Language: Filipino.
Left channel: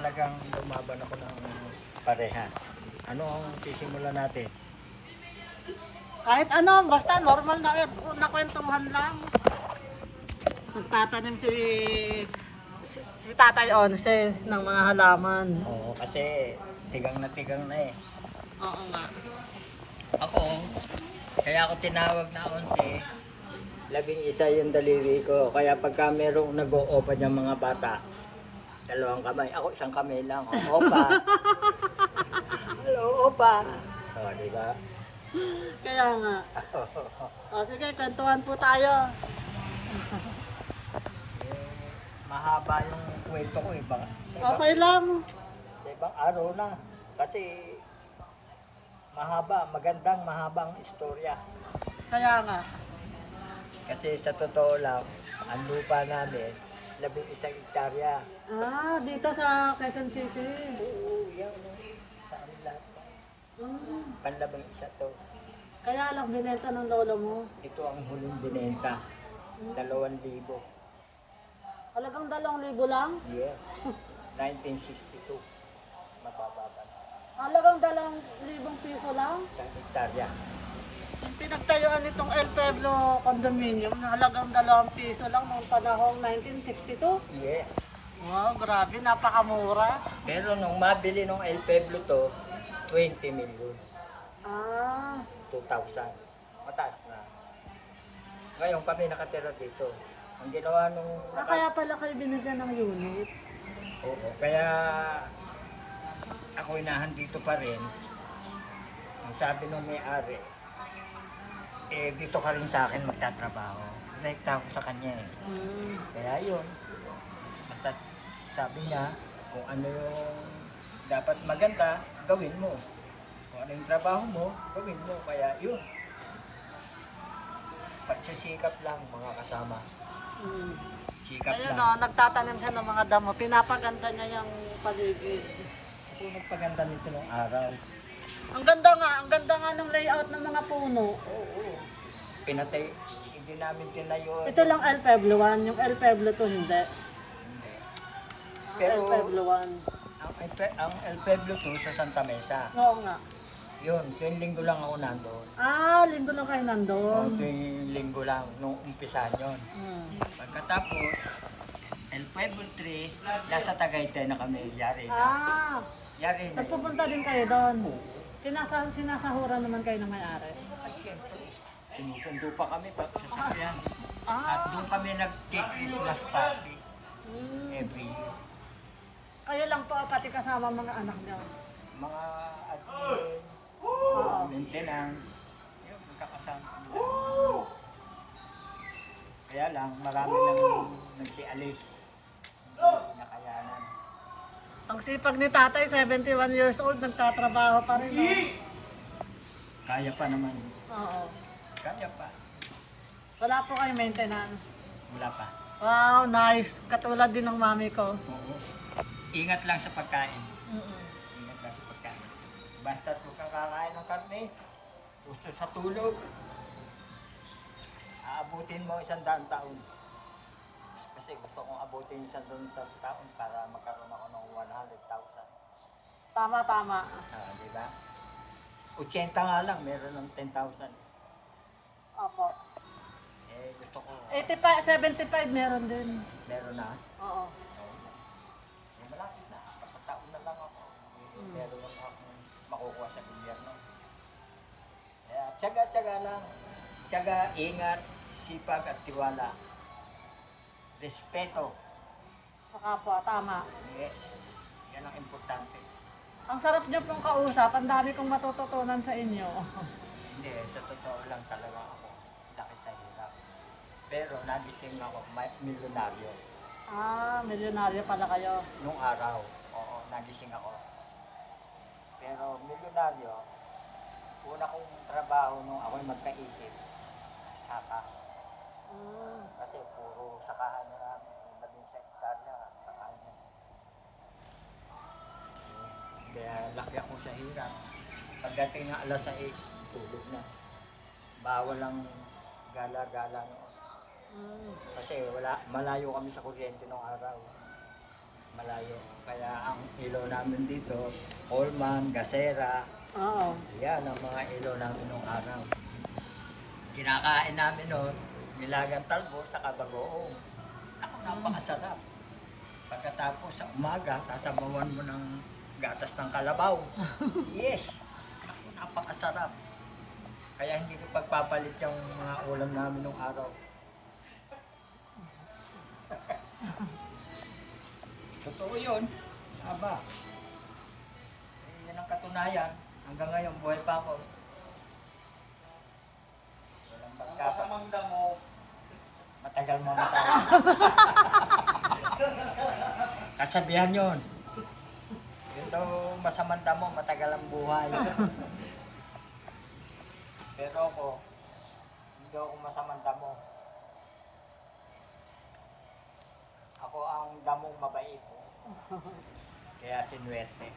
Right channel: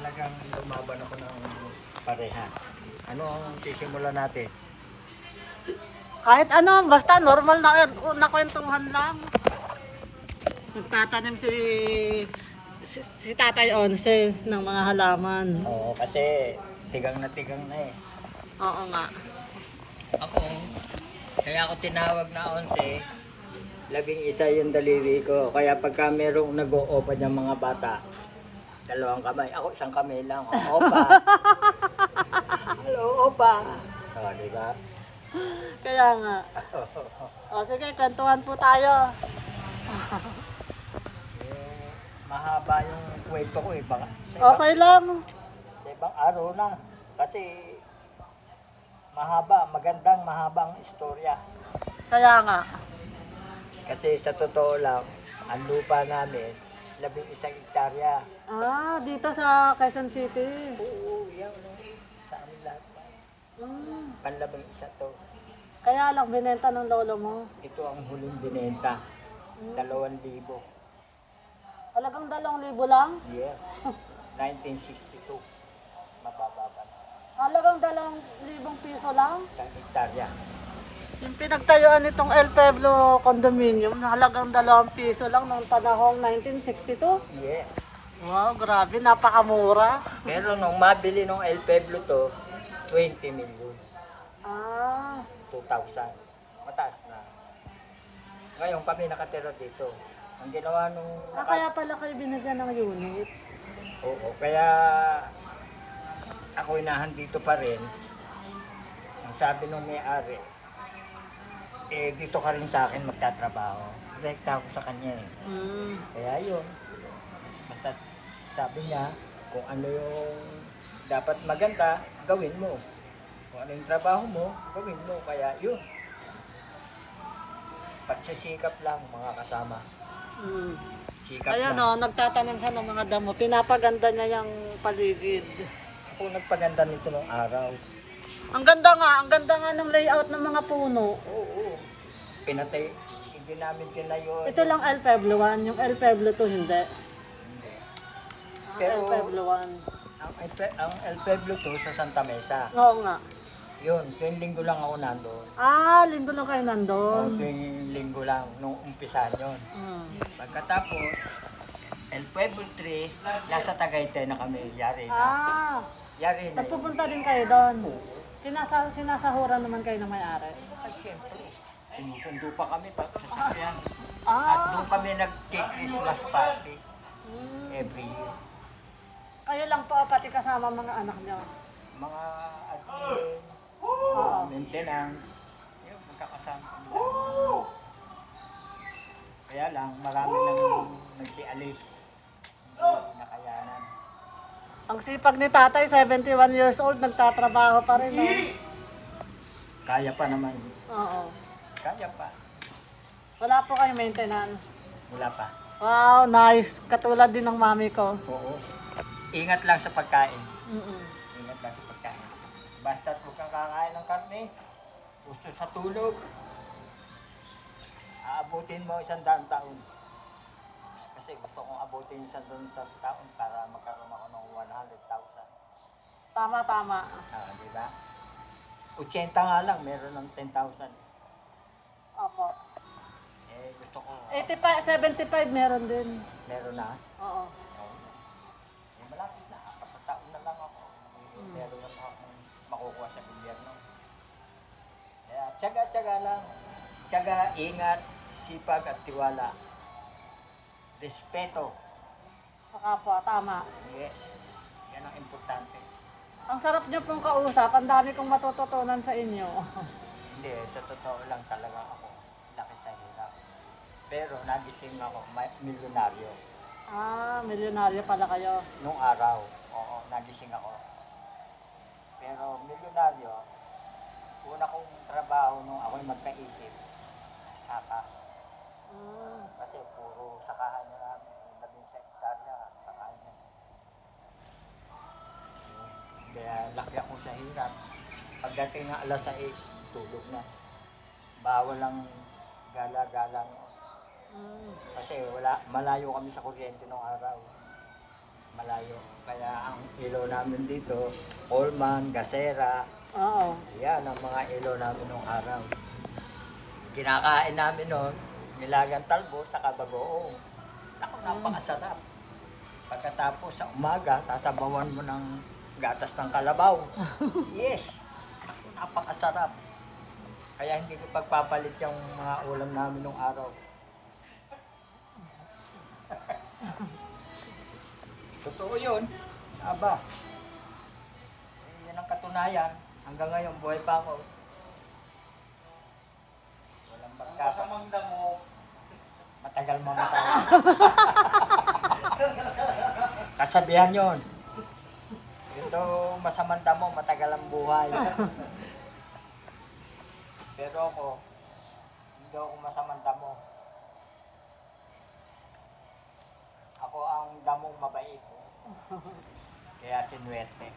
talagang lumaban ako ng pareha. Ano ang sisimulan natin? Kahit ano, basta normal na kwentuhan lang. Nagtatanim si Tatay Onse ng mga halaman. Oo, kasi tigang na eh. Oo nga. Ako, kaya ako tinawag na 11, 11 yung daliri ko. Kaya pagka merong nag-o-opa ng mga bata, 2 kamay. Ako 1 kamay lang. Opa. Hello, opa. O, diba? Kaya nga. O sige, kwentuhan po tayo. Eh, mahaba yung kwento ko eh. Baka, Okay lang. sa ibang araw na. Kasi mahabang istorya. Kaya nga. Kasi sa totoo lang, ang lupa namin, 11 hektarya. Ah, dito sa Quezon City. Oo, yan. Sa amin lahat. Panlabang isa to. Kaya lang binenta ng lolo mo. Ito ang huling binenta. 2,000. Talagang 2,000 lang? Yeah. 1962. Mabababa na. Talagang 2,000 piso lang? 1 hektarya. Yung pinagtayuan nitong El Pueblo condominium, na halagang 2 piso lang noong panahong 1962. Yeah. Wow, grabe, napakamura. Pero nung mabili nung El Pueblo to, 20 million. Ah, 2,000. Mataas na. Ngayon kami nakatira dito. Ang ginawa nung kaya pala kayo binigyan ng unit. Oo, kaya ako inahan dito pa rin. Ang sabi nung may-ari, eh dito ka rin sa akin magtatrabaho. Direkta ako sa kanya eh. Kaya yun. Basta sabi niya, kung ano yung dapat maganda, gawin mo. Kung ano yung trabaho mo, gawin mo. Kaya yun. Pagsisikap lang mga kasama. Sikap Kaya lang. no, nagtatanim siya ng mga damo, pinapaganda niya yung paligid. Ako nagpaganda nito nung araw. Ang ganda nga ng layout ng mga puno. Oo. Pinatay, hindi namin tinayo. Ito lang El Pueblo 1, yung El Pueblo 2 hindi. Hindi. Pero, El Pueblo 1. Ang El Pueblo to sa Santa Mesa. Oo nga. Yun, tuwing linggo lang ako nandun. Ah, linggo lang kayo O, nandun. tuwing linggo lang, nung umpisahan yun. Pagkatapos, El Pueblo 3, nasa Tagaytay na kami, yari na. Ah, Yari na. nagpupunta din kayo doon. Sinasahuran naman kayo ng may-ari. At syempre, sinusundo pa kami pag sasakyan. At Ah, doon kami nag-Christmas party every year. kayo lang po, pati kasama mga anak niyo. Mga admin, mga maintenance, yun, magkakasama kami. Kaya lang, marami nang nagsialis. Hindi nakayanan. Ang sipag ni tatay, 71 years old, nagtatrabaho pa rin. No? Kaya pa naman. Oo. Kaya pa. Wala po kayo maintenance. Wala pa. Wow, nice. Katulad din ng mami ko. Oo. Ingat lang sa pagkain. Mm-mm. Ingat lang sa pagkain. Basta kung kakain ng karne, gusto sa tulog, aabutin mo 100 taon. Kasi gusto kong abutin 100 taon para magkaroon ako ng 100,000. Tama. Ah, di ba? 80 nga lang, meron ng 10,000. Opo. Eh, gusto ko, 85, 75 meron din. meron na. Oo. Eh, malapit na. 4 taon na lang ako. Meron na akong makukuha sa gobyerno. Kaya, tiyaga-tiyaga lang. Tiyaga, ingat, sipag at tiwala. Respeto. Saka po, tama. Yes. Yan ang importante. Ang sarap niyo pong kausap. Ang dami kong matututunan sa inyo. Hindi, sa totoo lang talaga ako. Laki sa hirap. Pero nagising ako, milyonaryo. Ah, milyonaryo pala kayo. Nung araw, oo, nagising ako. Pero milyonaryo, una kong trabaho nung ako'y magkaisip, saka. Kasi puro sakahan na namin, 11 hektarya, sakahan na. Kaya laki ako sa hirap. Pagdating ng alas 6, tulog na. Bawal lang gala-gala. Kasi malayo kami sa kuryente nung araw. malayo. Kaya ang ilaw namin dito, Coleman, Gasera, Oo. yan ang mga ilaw namin nung araw. Kinakain namin noon, nilagang talbos sa kabagoong. Ako, napakasarap. Pagkatapos sa umaga, sasabawan mo ng gatas ng kalabaw. Yes! Ako, napakasarap. Kaya hindi ko pagpapalit yung mga ulam namin nung araw. Totoo yun. Aba. Yan ang katunayan. Hanggang ngayon, buhay pa ako. Walang pagkasamangda mo. Matagal mga tayo. Kasabihan yun. Ito, masamang damo, matagal ang buhay. Pero ako, hindi ako masamang damo. Ako ang damong mabait. Kaya sinuwerte.